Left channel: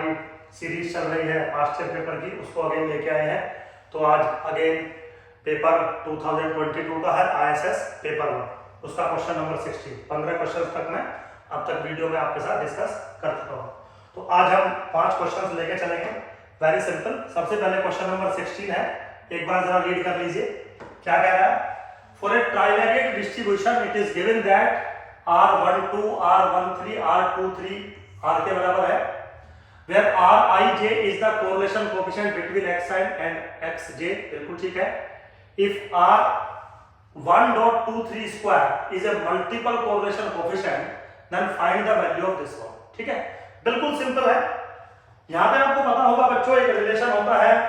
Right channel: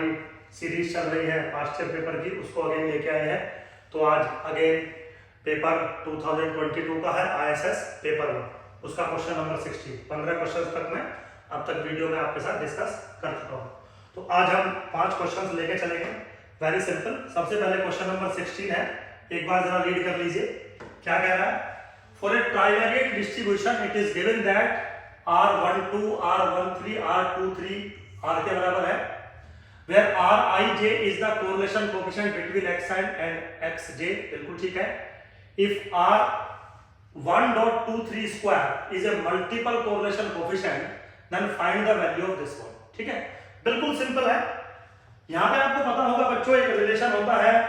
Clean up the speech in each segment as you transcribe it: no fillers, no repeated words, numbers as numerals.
हमारी सीरीज चल रही है पास्ट ईयर पेपर की, उसको अगेन लेके आए हैं। तो आज अगेन पेपर 2022 का है ISS पेपर 1, उसका क्वेश्चन नंबर 60। 15 क्वेश्चन तक मैं अब तक वीडियो में आपके साथ डिस्कस कर चुका हूँ। तो आज हम 5 क्वेश्चन लेके चलेंगे, वेरी सिंपल। सबसे पहले क्वेश्चन नंबर 16 है, एक बार जरा रीड कर लीजिए। क्या कह रहा है? For a trivariate distribution it is given that R12, R13, R23 R के बराबर है, where Rij is the correlation coefficient between x and xj, बिल्कुल ठीक है। If R1.23 square is a multiple correlation coefficient, then find the value of this one। ठीक है, बिल्कुल simple है। यहां पे आपको पता होगा बच्चों, एक रिलेशन होता है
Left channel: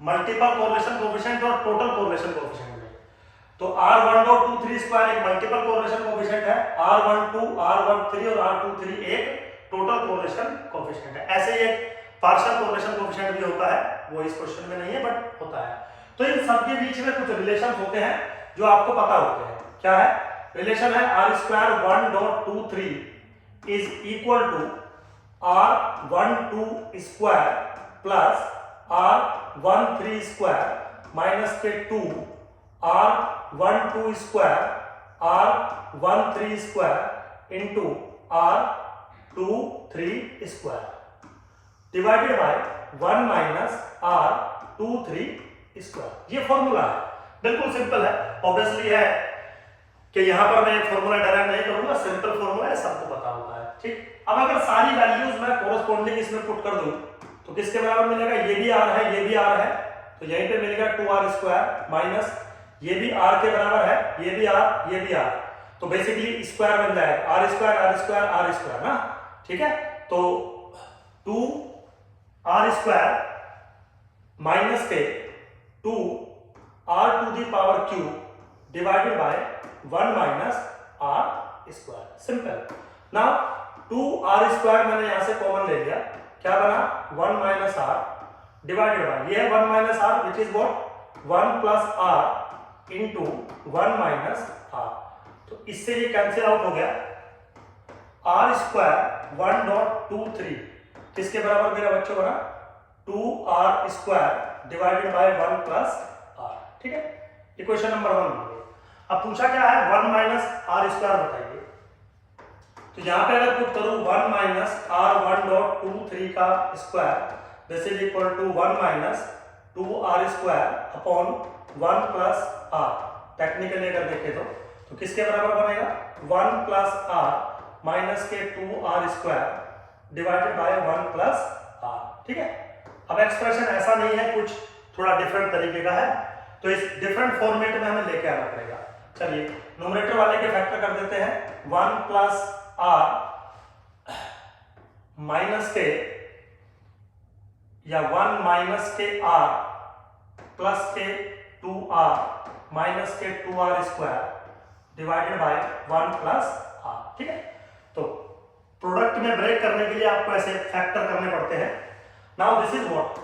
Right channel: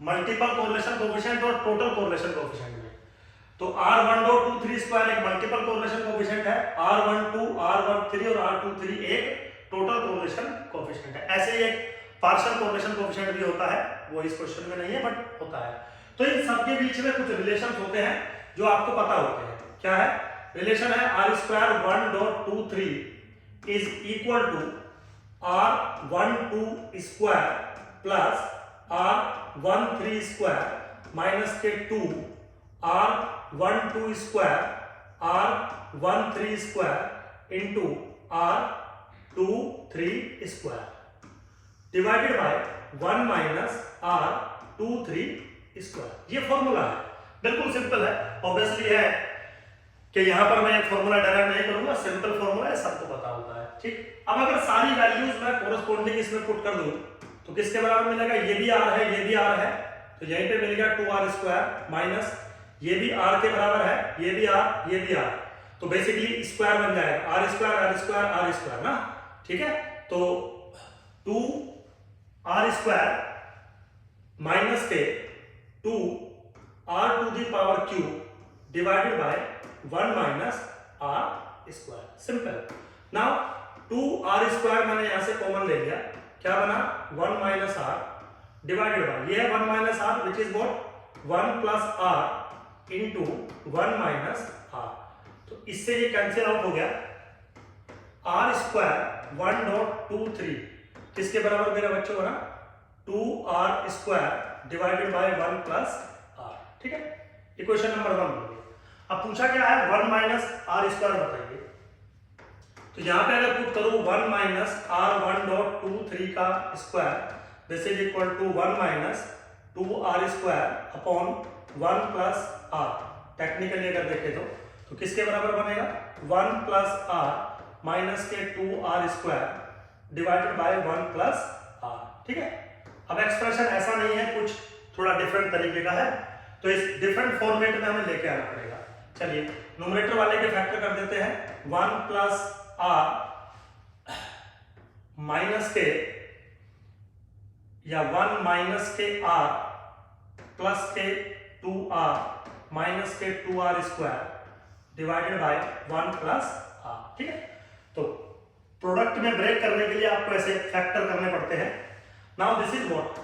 मल्टीपल कोरिलेशन कोएफिशिएंट और टोटल कोरिलेशन कोएफिशिएंट में। तो R1.23 स्क्वायर एक मल्टीपल कोरिलेशन कोएफिशिएंट है, R12, R13 और R23 एक टोटल कोरिलेशन कोएफिशिएंट है। ऐसे ही एक पार्शियल कोरिलेशन कोएफिशिएंट भी होता है, वो इस क्वेश्चन में नहीं है बट होता है। तो इन सब के बीच में कुछ रिलेशन होते हैं जो आपको पता होते हैं। क्या है रिलेशन? है R² 1.23 is equal to R12 square plus R13 square minus के 2 R12 square R13 square into R23 square divided by 1 minus R23 square. ये फॉर्मूला है, बिल्कुल सिंपल है। ऑब्वियसली है कि यहां पर मैं फॉर्मूला डायरेक्ट नहीं करूंगा, सिंपल फॉर्मूला है, सबको पता होता है। ठीक, अब अगर सारी वैल्यूज मैं कोरस्पॉन्डिंग इसमें पुट कर दूं तो किसके बराबर मिलेगा? ये भी R है, ये भी R है, तो यहीं पे मिलेगा 2R स्क्वायर माइनस ये भी R के बराबर है, ये भी R, ये भी R, तो बेसिकली स्क्वायर बन जाएगा R स्क्वायर ना। ठीक है, तो 2R स्क्वायर माइनस के 2R to the power cube divided by 1 minus R square. Simple. Now 2R square मैंने यहां से कॉमन ले लिया, क्या बना? 1 माइनस R डिवाइडेड बाय ये है 1 minus R which is what 1 plus R into 1 minus R। तो इससे ये कैंसिल आउट हो गया। R स्क्वायर 1.23 किसके बराबर मेरा बच्चों बना? 2R square divided by 1 plus R। ठीक है, इक्वेशन नंबर 1। अब पूछा क्या है? 1 माइनस R स्क्वायर बताइए। तो यहां पे अगर पुट करूं 1 माइनस R1.23 का square this is equal to 1 minus 2R square upon 1 plus R। Technically अगर देखें तो किसके बराबर बनेगा? 1 प्लस R माइनस के 2R square divided by 1 plus R। ठीक है, अब एक्सप्रेशन ऐसा नहीं है, कुछ थोड़ा डिफरेंट तरीके का है, तो इस डिफरेंट फॉर्मेट में हमें लेके आना पड़ेगा। चलिए न्यूमरेटर वाले के फैक्टर कर देते हैं। 1 प्लस R माइनस के या 1 माइनस के R प्लस के 2R माइनस के 2R square divided by 1 plus R। ठीक है, तो प्रोडक्ट में ब्रेक करने के लिए आपको ऐसे फैक्टर करने पड़ते हैं। Now this is what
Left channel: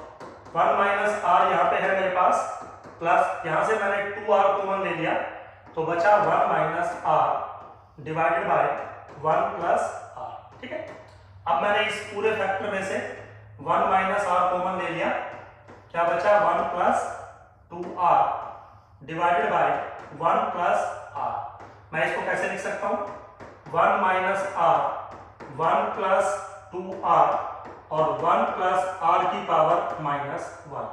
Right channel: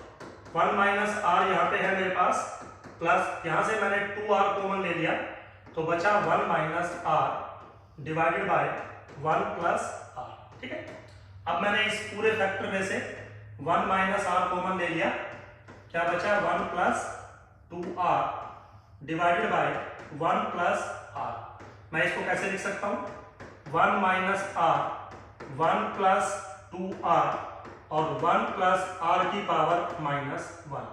1 minus R यहां पे है मेरे पास, प्लस यहां से मैंने 2R कॉमन ले लिया तो बचा 1 minus R divided by 1 plus R। ठीक है, अब मैंने इस पूरे फैक्टर में से 1 माइनस R कॉमन ले लिया, क्या बचा? 1 plus 2R divided by 1 plus R। मैं इसको कैसे लिख सकता हूं? 1 माइनस R 1 प्लस 2R और 1 प्लस R की पावर माइनस 1।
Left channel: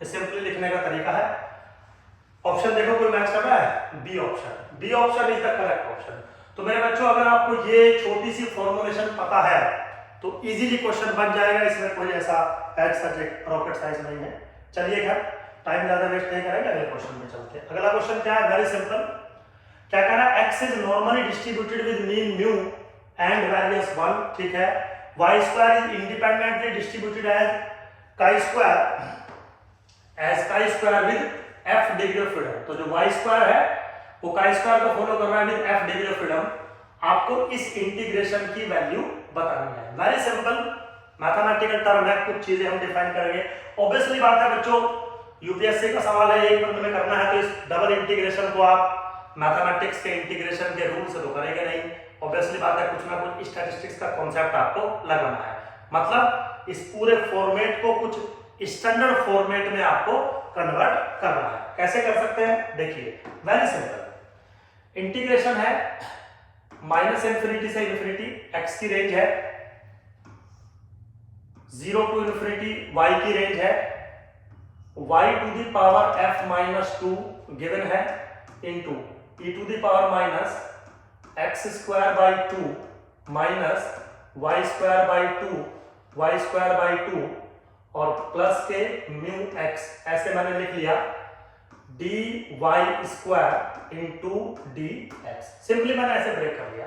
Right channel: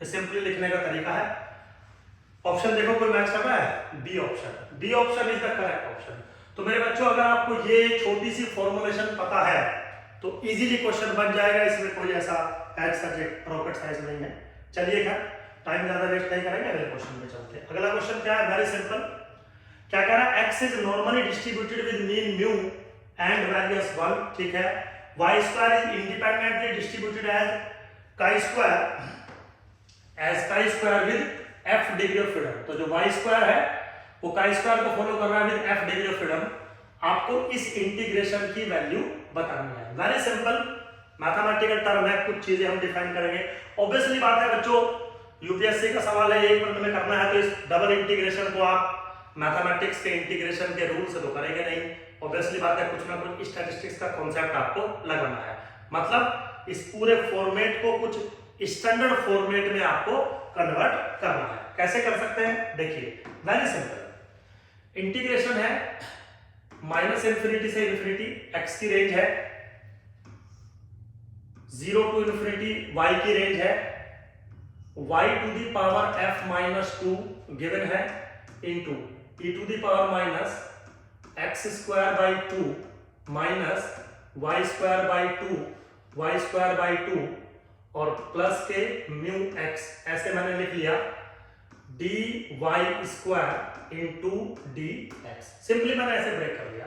ये सिंपली लिखने का तरीका है। ऑप्शन देखो कोई मैच कर रहा है? B option. B option is the correct option. तो मेरे बच्चों अगर आपको ये छोटी सी फॉर्मुलेशन पता है तो इजीली क्वेश्चन बन जाएगा, इसमें कोई ऐसा रॉकेट साइंस नहीं है। चलिए खैर टाइम ज्यादा वेस्ट नहीं करेंगे, अगले क्वेश्चन में चलते हैं। अगला क्वेश्चन क्या है? Very simple. क्या कह रहा है? X is normally distributed with mean mu and variance 1। ठीक है, Y square is independently distributed as chi square with f degree of freedom. तो जो y स्क्वायर है वो काई स्क्वायर को फॉलो कर रहा है with f degree of freedom. आपको इस इंटीग्रेशन की वैल्यू बतानी है। वेरी सिंपल मैथमेटिकल टर्म है, कुछ चीजें हम डिफाइन करेंगे। ऑब्वियसली बात है बच्चों, यूपीएससी का सवाल है, एक मिनट में करना है, तो इस डबल इंटीग्रेशन को आप मैथमेटिक्स के इंटीग्रेशन के रूल से तो करेंगे नहीं। ऑब्वियसली बात है कुछ ना कुछ स्टैटिस्टिक्स का कॉन्सेप्ट आपको लगाना है। मतलब इस पूरे फॉर्मेट को कुछ स्टैंडर्ड फॉर्मेट में आपको कन्वर्ट करना है। कैसे कर सकते हैं देखिए, वेरी सिंपल। इंटीग्रेशन है माइनस इंफिनिटी से इंफिनिटी, एक्स की रेंज है 0 टू इंफिनिटी, वाई की रेंज है y to the power f minus 2 given है into e to the power minus x square by 2 minus y square by 2 y square by 2 और plus के mu x, ऐसे मैंने लिख लिया dy square into D x. Simply मैंने ऐसे break कर दिया।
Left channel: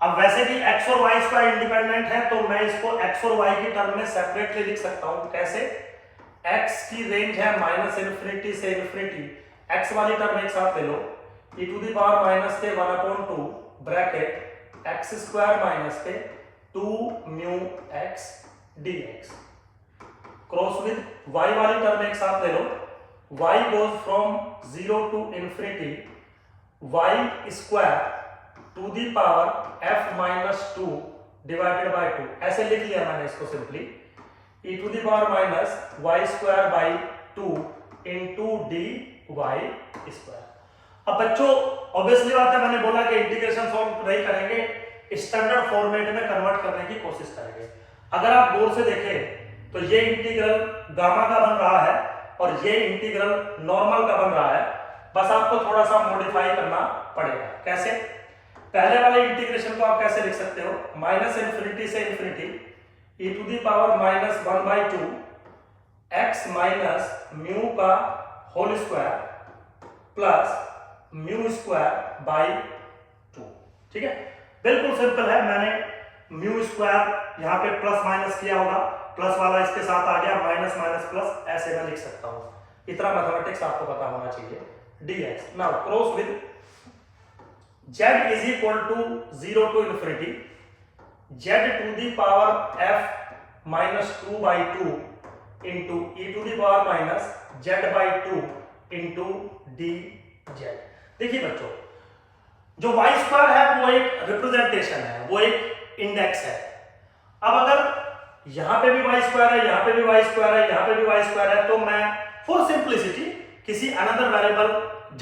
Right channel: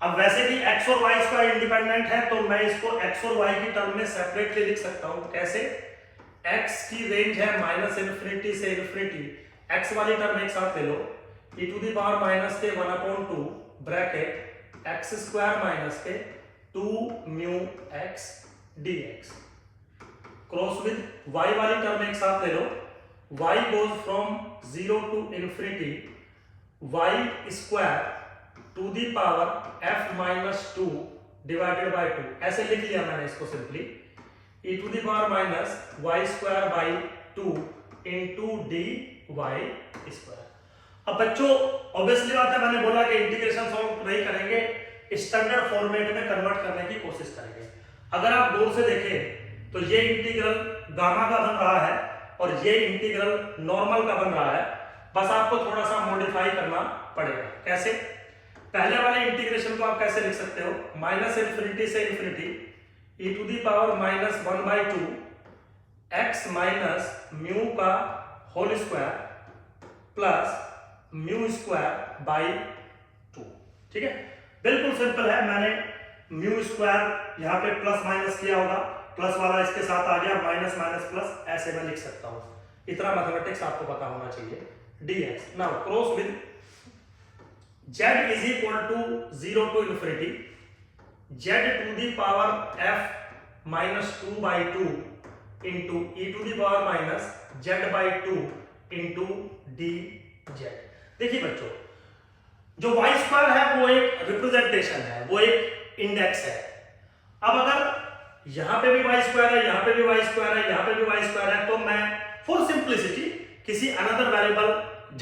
अब वैसे भी x और y स्क्वायर इंडिपेंडेंट है तो मैं इसको x और y की टर्म में सेपरेटली लिख सकता हूं। कैसे? x की रेंज है माइनस इंफिनिटी से इंफिनिटी, x वाली टर्म एक साथ ले लो, e to the power minus के 1/2 ब्रैकेट एक्स स्क्वायर माइनस के 2 mu X dx cross with y वाली टर्म एक साथ ले लो, y goes from 0 to infinity y square to the power f minus 2 divided by 2, ऐसे लिख लिया मैंने इसको simply e to the power minus y square by 2 into dy square। अब बच्चों ऑब्वियसली बात है, मैंने बोला कि इंटीग्रेशन सॉल्व नहीं करेंगे, स्टैंडर्ड फॉर्मेट में कन्वर्ट करने की कोशिश करेंगे। अगर आप गौर से देखें तो ये इंटीग्रल गामा का बन रहा है और ये इंटीग्रल नॉर्मल का बन रहा है, बस आपको थोड़ा सा मॉडिफाई करना पड़ेगा। कैसे? पहले वाले इंटीग्रेशन को आप कैसे लिख सकते हो, माइनस इंफिनिटी से infinity e to the power minus 1/2 x minus mu का whole square plus mu square by 2। ठीक है, बिल्कुल सिंपल है। मैंने म्यू स्क्वायर यहाँ पे प्लस माइनस किया होगा, प्लस वाला इसके साथ आ गया, माइनस माइनस प्लस, ऐसे मैं लिख सकता हूं। इतना मैथमेटिक्स आपको पता होना चाहिए। dx now cross with z is equal to 0 to infinity z to the power f minus 2/2 into e to the power minus z/2 into dz। देखिए बच्चों, जो y स्क्वायर है वो एक रिप्रेजेंटेशन है, वो एक इंडेक्स है। अब अगर यहां पे भी y स्क्वायर है, यहां पे भी y स्क्वायर है, यहां पे भी y स्क्वायर है, तो मैं फॉर सिंपलिसिटी किसी अनदर वेरिएबल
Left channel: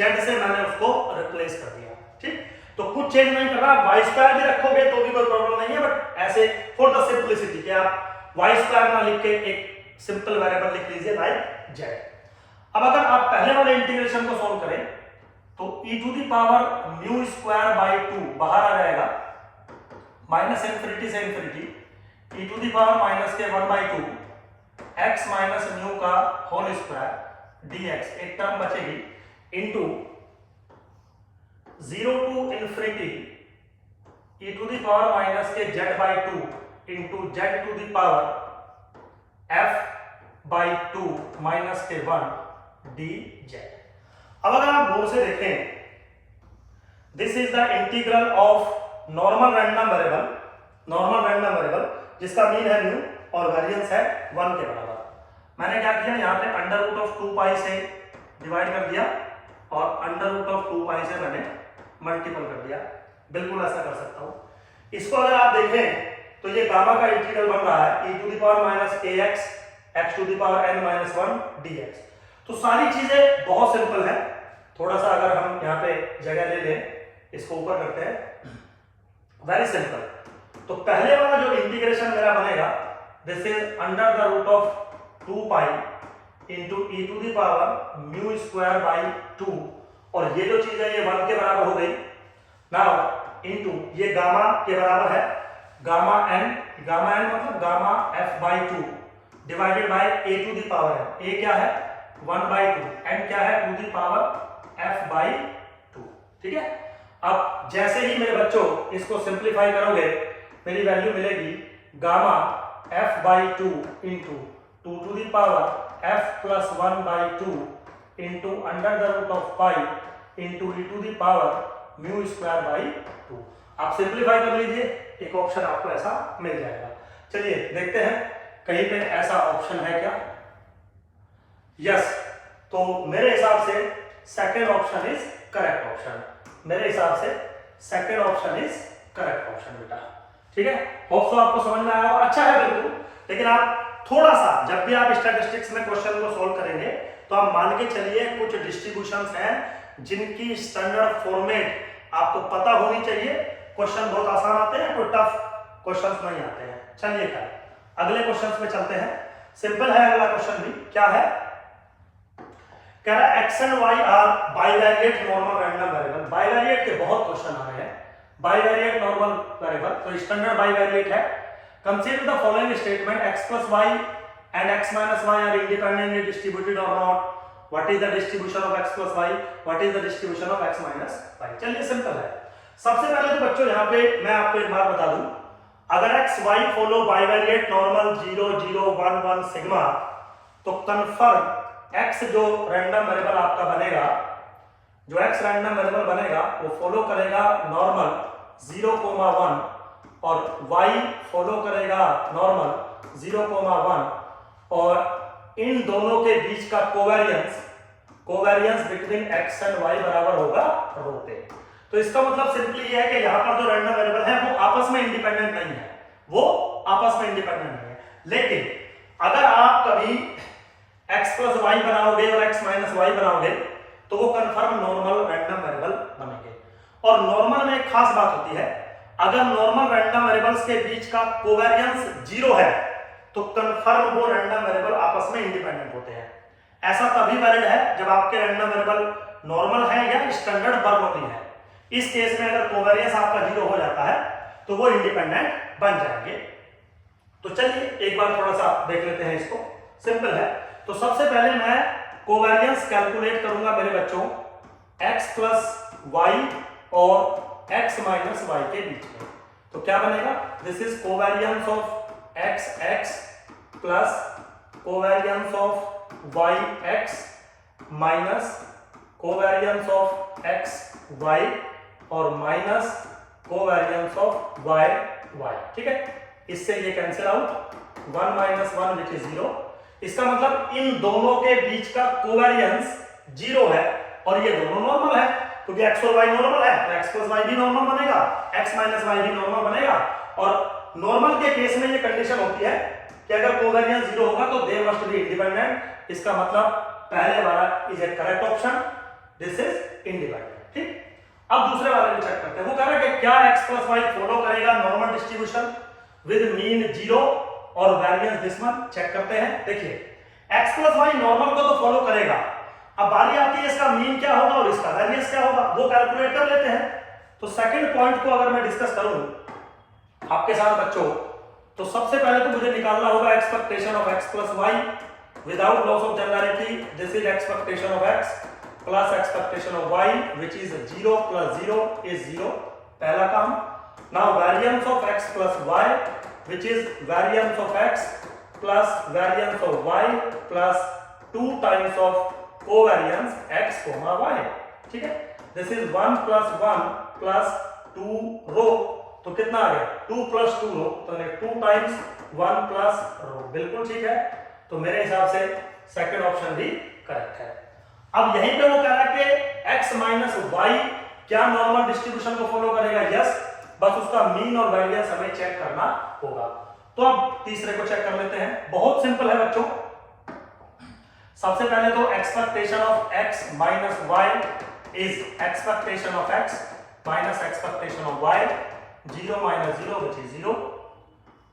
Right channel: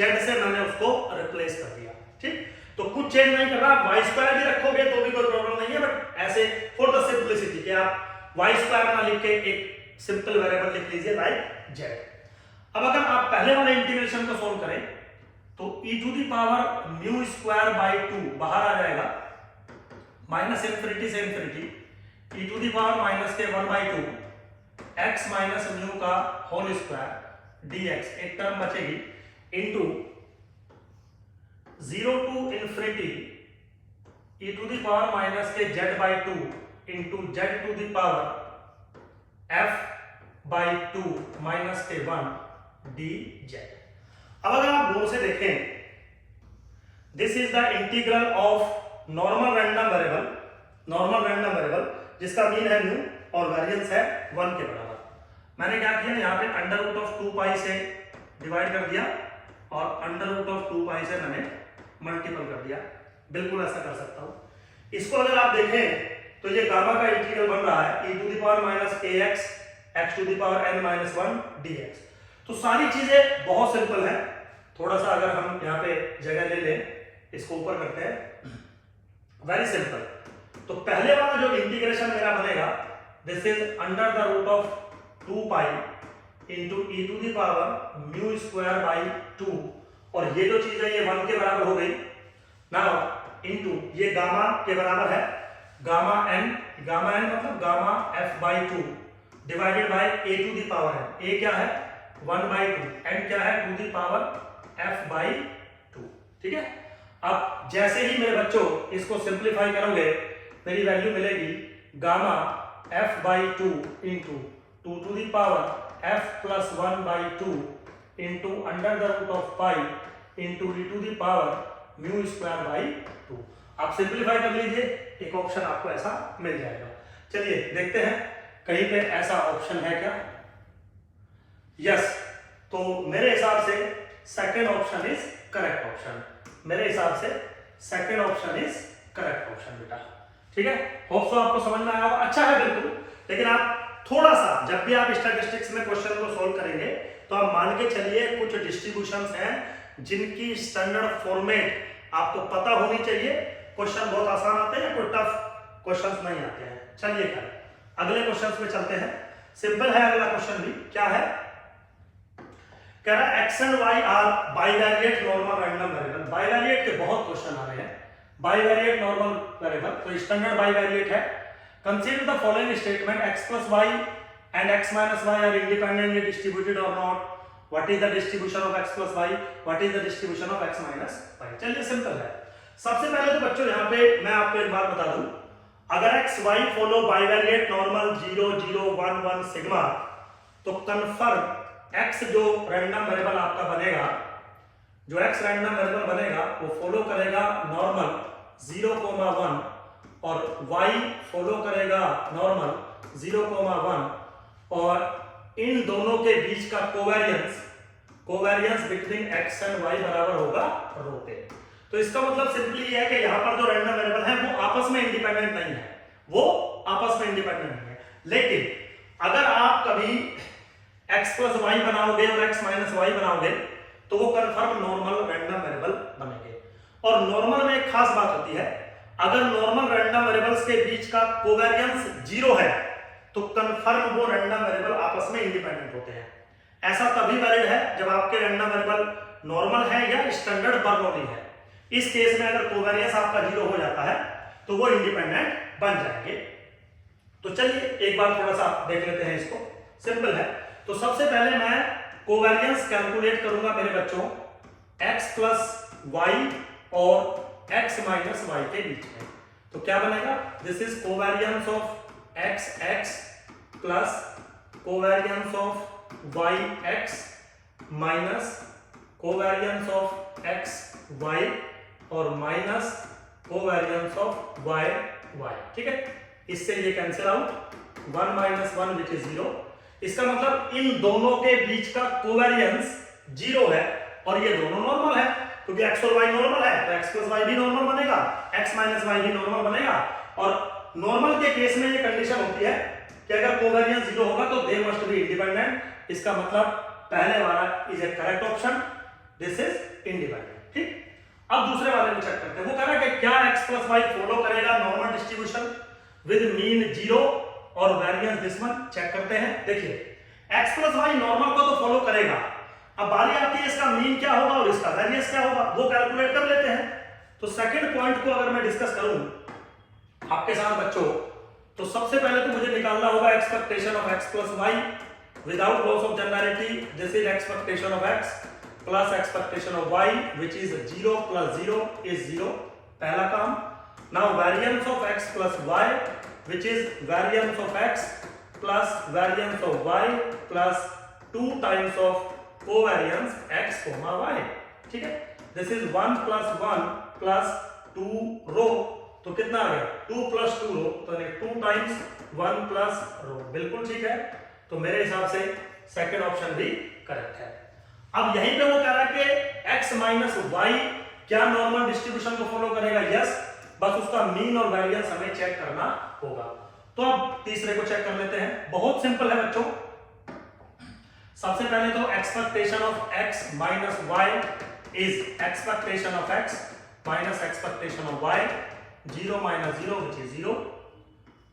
z से मैंने उसको रिप्लेस कर दिया। ठीक, तो कुछ चेंज नहीं कर रहा। y स्क्वायर भी रखोगे तो भी कोई प्रॉब्लम नहीं है, बट ऐसे फॉर द सिंपलिसिटी कि आप y स्क्वायर ना लिख के एक सिंपल वेरिएबल लिख लीजिए बाय z। अब अगर आप पहले वाले इंटीग्रेशन को सोल्व करें तो e to the power mu square by 2 बाहर आ जाएगा, माइनस इंफिनिटी से infinity e to the power minus के 1/2 x माइनस म्यू का होल स्क्वायर dx, एक टर्म बचेगी, into 0 to infinity e to the power minus के z/2 into z to the power f/2 minus के 1 dz। अब अगर आप गौर से देखें, this is the integral of normal random variable जिसका मीन है म्यू और वेरिएंस है 1 के बराबर। मैंने क्या किया, यहाँ पे अंडर रूट ऑफ 2 पाई से डिवाइड कर दिया और अंडर रूट ऑफ 2 पाई से मैंने मल्टीपल कर दिया। बिल्कुल ऐसा कर सकता हूं। इसको अगर आप देखें तो ये गामा का इंटीग्रल बन रहा है e to the power minus ax x to the power n minus 1 dx। तो सारी चीजें बहुत सिंपल है। थोड़ा सा अगर हम यहाँ पे जगह ले लें, इसको ऊपर करते हैं, वेरी सिंपल। तो पहले वाला जो इंटीग्रेशन मेरा बनेगा, this is under the root of 2 pi into E to the power mu square by 2, और ये जो चीज है ये 1 के बराबर हो गई। नाउ इंटू ये गामा के बराबर है, गामा n मतलब gamma f/2 divided by a to the power n। a क्या है 1/2, n क्या है 2 दी पावर f/2। ठीक है, अब जैसे ही मेरे बच्चों इसको सिंप्लीफाई करोगे, मेरी वैल्यू मिलेगी gamma f/2 into 2 to the power f plus 1/2 into under the root of pi into e to the power mu square by 2। आप सिंप्लीफाई कर लीजिए, एक ऑप्शन आपको ऐसा मिल जाएगा। चलिए देखते हैं कहीं पे ऐसा ऑप्शन है क्या। यस, तो मेरे हिसाब से second option is correct option. मेरे हिसाब से second option is correct option बेटा। ठीक है, होप सो आपको समझ में आया होगा। अच्छा है बिल्कुल, लेकिन आप थोड़ा सा जब भी आप स्टैटिस्टिक्स में क्वेश्चन को सोल्व करेंगे तो आप मान के चलिए कुछ डिस्ट्रीब्यूशंस हैं जिनकी स्टैंडर्ड फॉर्मेट आपको पता होनी चाहिए। क्वेश्चन बहुत आसान आते हैं, कोई टफ क्वेश्चंस नहीं आते हैं। चलिए खैर अगले क्वेश्चंस पे चलते हैं। सिंपल है अगला क्वेश्चन भी। क्या है, कह रहा है x and y are bivariate normal random variable. Bivariate के बहुत क्वेश्चन आ रहे हैं। बाइवेरिएट नॉर्मल वेरिएबल तो स्टैंडर्ड बाइवेरिएट है। Consider the following statement x plus y and x minus y are independently distributed और not. What is the distribution of x plus y, what is the distribution of x minus y. चलिए simple है। सबसे पहले तो बच्चों यहाँ पे मैं आपको एक बात बता दूं, अगर X Y follow bivariate normal 0 0 1 1 sigma, तो कन्फर्म एक्स जो रैंडम वेरिएबल आपका बनेगा, जो एक्स रैंडम वेरिएबल बनेगा वो फॉलो करेगा नॉर्मल 0,1 और y फॉलो करेगा नॉर्मल 0,1 और इन दोनों के बीच का covariance between x and y बराबर होगा रो पे। तो इसका मतलब सिंपली ये है कि यहां पर जो रैंडम वेरिएबल है वो आपस में इंडिपेंडेंट नहीं है, वो आपस में इंडिपेंडेंट नहीं है। लेकिन अगर आप कभी x प्लस वाई बनाओगे और x माइनस वाई बनाओगे तो वो कन्फर्म नॉर्मल रैंडम वेरिएबल बनेंगे। और नॉर्मल में एक खास बात होती है, अगर नॉर्मल रैंडम वेरिएबल्स के बीच का कोवेरियंस 0 है तो कन्फर्म वो रैंडम वेरिएबल आपस में इंडिपेंडेंट होते हैं। ऐसा तभी वैलिड है जब आपके रैंडम वेरिएबल नॉर्मल है या स्टैंडर्ड बर्नौली है। इस केस में अगर कोवेरियंस आपका 0 हो जाता है तो वो इंडिपेंडेंट बन जाएंगे। तो चलिए एक बार थोड़ा सा देख लेते हैं इसको। सिंपल है। तो सबसे पहले मैं कोवेरियंस कैलकुलेट करूंगा मेरे बच्चों x प्लस वाई और x माइनस वाई के बीच में। तो क्या बनेगा, this is covariance of x x plus covariance of y x minus covariance of x y और minus covariance of y y। ठीक है, इससे ये cancel out, 1 minus 1 which is 0। इसका मतलब इन दोनों के बीच का कोवेरियंस 0 है और ये दोनों नॉर्मल है, क्योंकि x और y नॉर्मल है तो x प्लस वाई भी नॉर्मल बनेगा, x माइनस वाई भी नॉर्मल बनेगा। और नॉर्मल के केस में ये कंडीशन होती है कि अगर कोवेरियंस 0 होगा तो दे मस्ट बी इंडिपेंडेंट। इसका मतलब पहले वाला is A correct option, this is independent. ठीक, अब दूसरे वाले में चेक करते हैं। वो कह रहा है कि क्या x प्लस वाई फॉलो करेगा नॉर्मल डिस्ट्रीब्यूशन विद मीन 0 और वेरिएंस दिस वन। चेक करते हैं। देखिए x प्लस वाई नॉर्मल को तो फॉलो करेगा, अब बारी आती है इसका मीन क्या होगा और इसका वेरिएंस क्या होगा, वो कैलकुलेट कर लेते हैं। तो सेकंड पॉइंट को अगर मैं डिस्कस करूं आपके साथ बच्चों, तो सबसे पहले तो मुझे निकालना होगा expectation of x plus Y without loss of generality. This is expectation of x plus expectation of y which is 0 plus 0 is 0, पहला काम। Now variance of x plus y which is variance of x plus variance of y plus 2 times of covariance x, y। ठीक है, this is 1 plus 1 plus 2 rho, तो कितना आ गया 2 plus 2 rho, तो 2 times 1 plus रो। बिल्कुल ठीक है, तो मेरे हिसाब से सेकंड ऑप्शन भी करेक्ट है। अब यहीं पे वो कह रहा है कि x माइनस वाई क्या नॉर्मल डिस्ट्रीब्यूशन को फॉलो करेगा, यस, बस उसका मीन और वेरिएंस हमें चेक करना होगा। तो अब तीसरे को चेक कर लेते हैं। बहुत सिंपल है बच्चों। सबसे पहले तो expectation of x minus Y is expectation of x minus expectation of y, 0 minus 0 which is 0।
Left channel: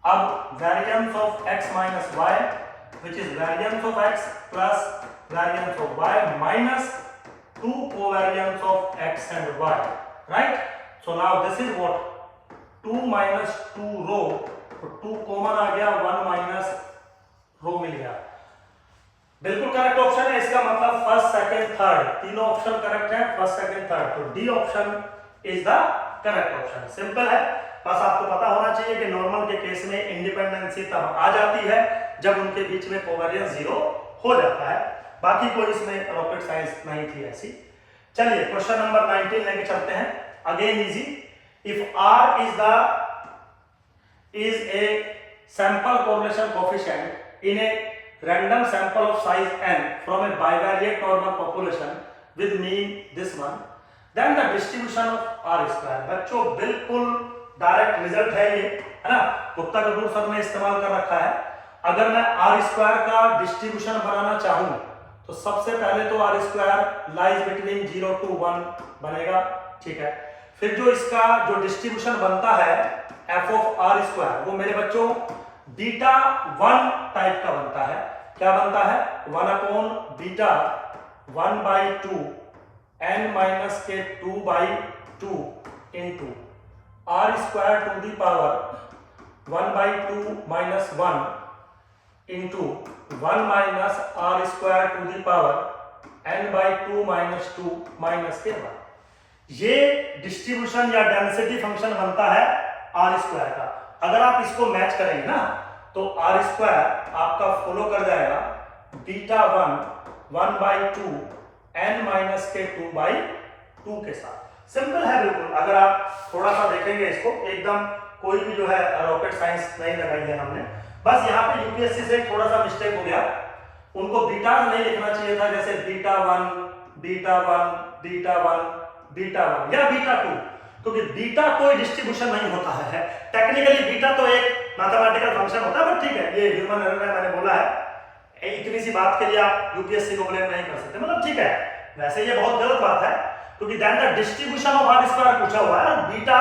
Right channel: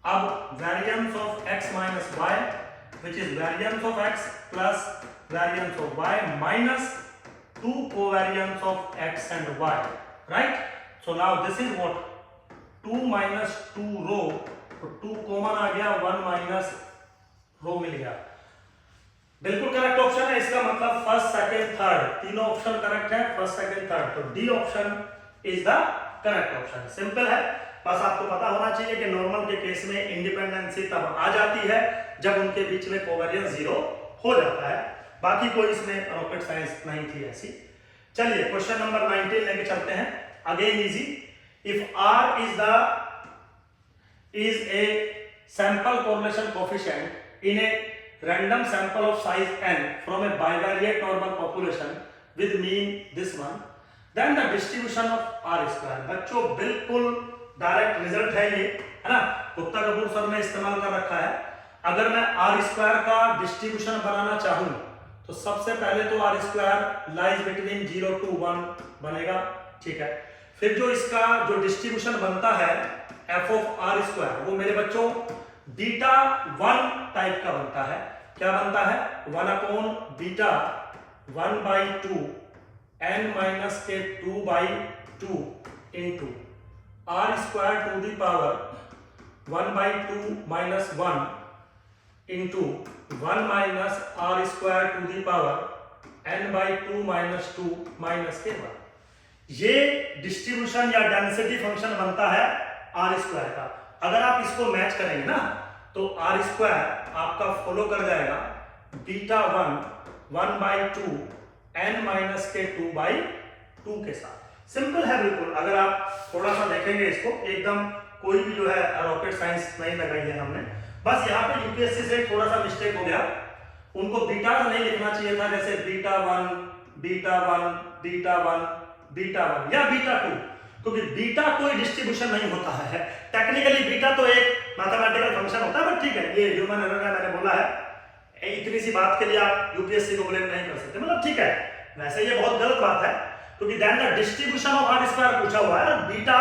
अब variance of x minus y which is variance of x plus variance of y minus 2 covariance of x and y, right. So now this is what 2 minus 2 rho, तो 2 common आ गया, 1 minus rho मिल गया। बिल्कुल correct option है। इसका मतलब first second third तीनों option correct है, first second third, तो D option is the correct option. Simple है, बस आपको पता होना चाहिए कि नॉर्मल के केस में इंडिपेंडेंसी तब आ जाती है जब उनके बीच में कोवेरियंस 0 हो जाता है। बाकी कोई इसमें रॉकेट साइंस नहीं थी ऐसी। चलिए क्वेश्चन नंबर 19 लेके चलते हैं। Again easy. If r is a sample correlation coefficient in a random sample of size n from a bivariate normal population with mean this one, then the distribution of r square। बच्चों बिल्कुल direct result है ये, है ना, Gupta Kapoor sir ने इस्तेमाल कर रखा है। अगर मैं आर स्क्वायर का डिस्ट्रीब्यूशन बनाना चाहूं तो सबसे पहले तो R square lies between 0 to 1 बनेगा, ठीक है। फिर जो इसका जो डिस्ट्रीब्यूशन बनता है एफ ऑफ आर स्क्वायर, वो मेरे बच्चों बीटा 1 टाइप का बनता है। क्या बनता है? 1 अपॉन बीटा 1/2 n माइनस के 2/2 into R square to the power 1/2 minus 1 into 1 minus R square to the power n/2 minus 2 minus के 1। ये डिस्ट्रीब्यूशन या डेंसिटी फंक्शन बनता है आर स्क्वायर का। अगर आप इसको मैच करेंगे ना तो आर स्क्वायर आपका फॉलो कर जाएगा बीटा 1/2 n माइनस के 2/2 के साथ। सिंपल है बिल्कुल। अगर आप थोड़ा सा देखेंगे इसको, एकदम कोई भी जो है रॉकेट साइंस नहीं लगाई है हमने, बस यहाँ पे यूपीएससी से थोड़ा सा मिस्टेक हो गया। उनको बीटा नहीं लिखना चाहिए था, जैसे बीटा 1 बीटा 1 बीटा 1 बीटा 1 या बीटा 2, क्योंकि बीटा कोई डिस्ट्रीब्यूशन नहीं होता है। टेक्निकली बीटा तो एक मैथमेटिकल फंक्शन होता है, बट ठीक है, ये ह्यूमन एरर है, मैंने बोला है। इतनी सी बात के लिए आप यूपीएससी को ब्लेम नहीं कर सकते, मतलब ठीक है। वैसे ये बहुत गलत बात है, क्योंकि then the distribution of R square पूछा हुआ है, बीटा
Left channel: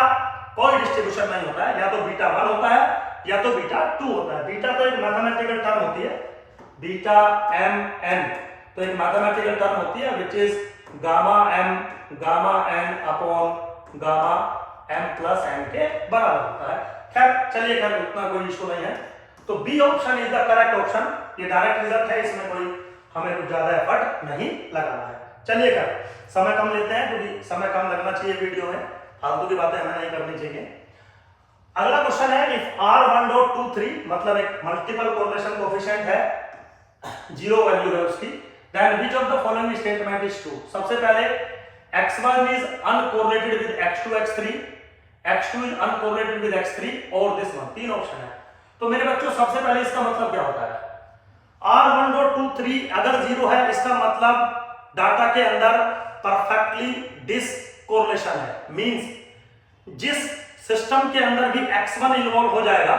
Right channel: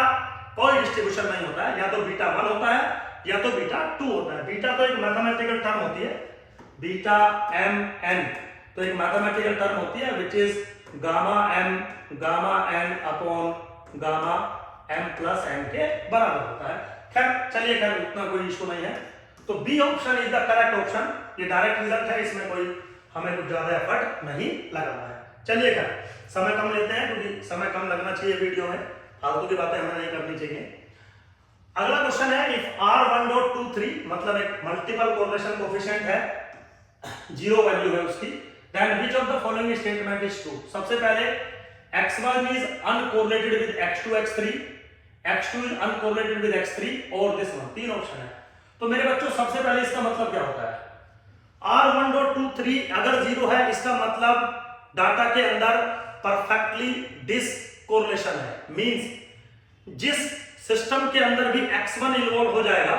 कोई डिस्ट्रीब्यूशन नहीं होता है। या तो बीटा 1 होता है या तो बीटा 2 होता है। बीटा तो एक मैथमेटिकल टर्म होती है, बीटा mn तो एक मैथमेटिकल टर्म होती है which is gamma n upon gamma m plus n के बराबर होता है। खैर चलिए, खैर उतना कोई इशू नहीं है। तो B option is the correct option. ये डायरेक्ट रिजल्ट है, इसमें कोई हमें कुछ ज्यादा एफर्ट नहीं लगाना है। चलिए, खैर समय कम लेते हैं, क्योंकि समय कम लगना चाहिए वीडियो में, फालतू की बातें हमें नहीं करनी चाहिए। अगला क्वेश्चन है, इफ r1.23 मतलब एक मल्टीपल कोरिलेशन कोएफिशिएंट है, 0 वैल्यू है उसकी, then which of the following statement is true. सबसे पहले x1 is uncorrelated with x2 x3, x2 is uncorrelated with x3 और दिस वन। 3 ऑप्शन है। तो मेरे बच्चों सबसे पहले इसका मतलब क्या होता है? r1.23 अगर 0 है, इसका मतलब डाटा के अंदर परफेक्टली डिसकोरिलेशन है। मींस जिस सिस्टम के अंदर भी x1 इन्वॉल्व हो जाएगा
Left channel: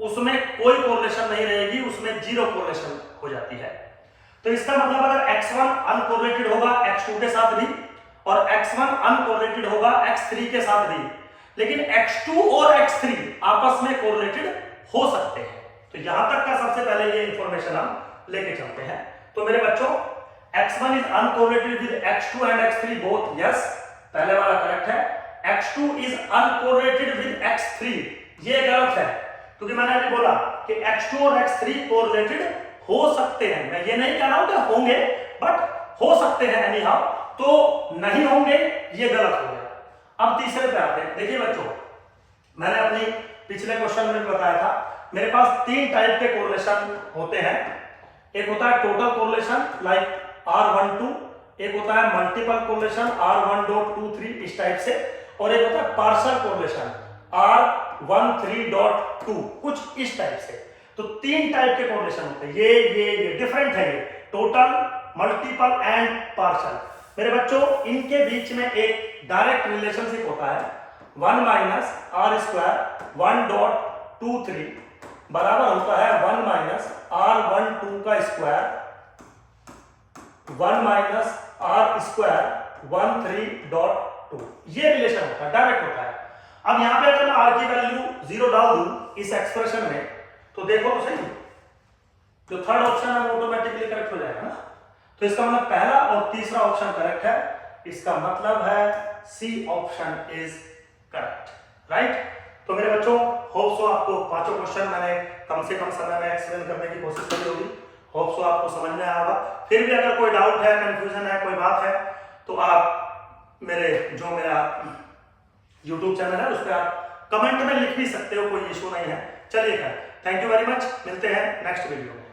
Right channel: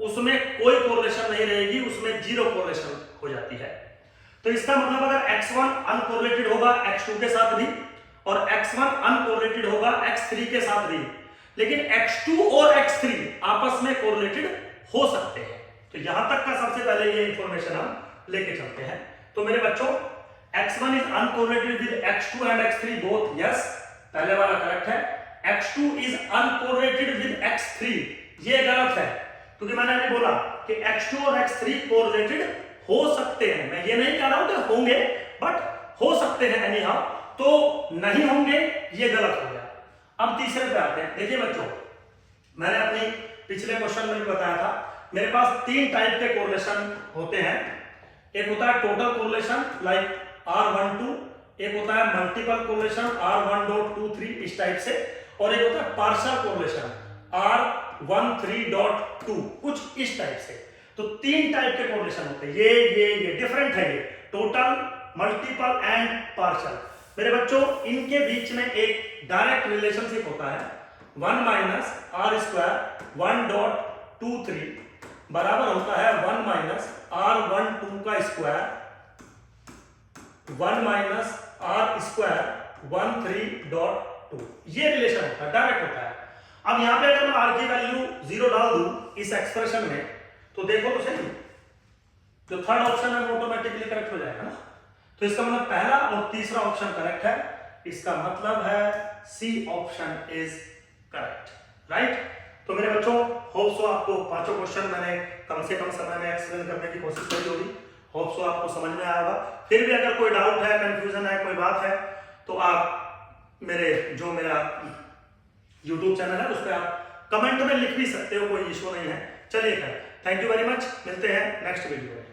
उसमें कोई कोरिलेशन नहीं रहेगी, उसमें 0 कोरिलेशन हो जाती है। तो इसका मतलब अगर x1 अनकोरिलेटेड होगा x2 के साथ भी और x1 अनकोरिलेटेड होगा x3 के साथ भी, लेकिन x2 और x3 आपस में कोरिलेटेड हो सकते हैं। तो यहां तक का सबसे पहले ये इंफॉर्मेशन हम लेके चलते हैं। तो मेरे बच्चों x1 is uncorrelated with x2 and x3 both, yes, पहले वाला करेक्ट है। x2 is uncorrelated with x3, ये गलत है, क्योंकि मैंने अभी बोला कि x2 और x3 कोरिलेटेड हो सकते हैं। मैं ये नहीं कह रहा हूं कि होंगे, बट हो सकते हैं एनी हाउ। तो नहीं होंगे, ये गलत हो गया। अब तीसरे पे आते हैं। देखिए बच्चों, मैंने अपनी पिछले क्वेश्चन में भी बताया था, मेरे पास 3 टाइप के कोरिलेशन होते हैं। एक होता है टोटल कोरिलेशन लाइक R12, एक होता है मल्टीपल कोरिलेशन R1.23 इस टाइप से, और एक होता है पार्शियल कोरिलेशन R13.2 कुछ इस टाइप से। तो 3 टाइप के कोरिलेशन होते हैं। ये डिफरेंट है, ये टोटल, मल्टीपल एंड पार्शियल। मेरे बच्चों इनके बीच में एक डायरेक्ट रिलेशनशिप होता है, 1 माइनस आर स्क्वायर 1.23 बराबर होता है 1 माइनस R12 का स्क्वायर 1 माइनस आर स्क्वायर 13.2। ये रिलेशन होता है, डायरेक्ट होता है। अब यहां पे अगर मैं आर की वैल्यू 0 डाल दूं इस एक्सप्रेशन में, तो देखो तो सही, जो थर्ड ऑप्शन है वो ऑटोमेटिकली करेक्ट हो जाएगा ना। तो इसका मतलब पहला और तीसरा ऑप्शन करेक्ट है। इसका मतलब है C option is correct, right. तो मेरे बच्चों होप सो आपको पांचों क्वेश्चन मैंने कम से कम समय में एक्सप्लेन करने की कोशिश करी होगी। होप सो आपको समझ में आया होगा। फिर भी अगर कोई डाउट है, कंफ्यूजन है, कोई बात है, तो आप मेरा YouTube चैनल है उस पर आप कमेंट में लिख भी सकते हो, कोई इशू नहीं है। चलिए खैर, थैंक यू वेरी मच, मिलते हैं नेक्स्ट वीडियो में।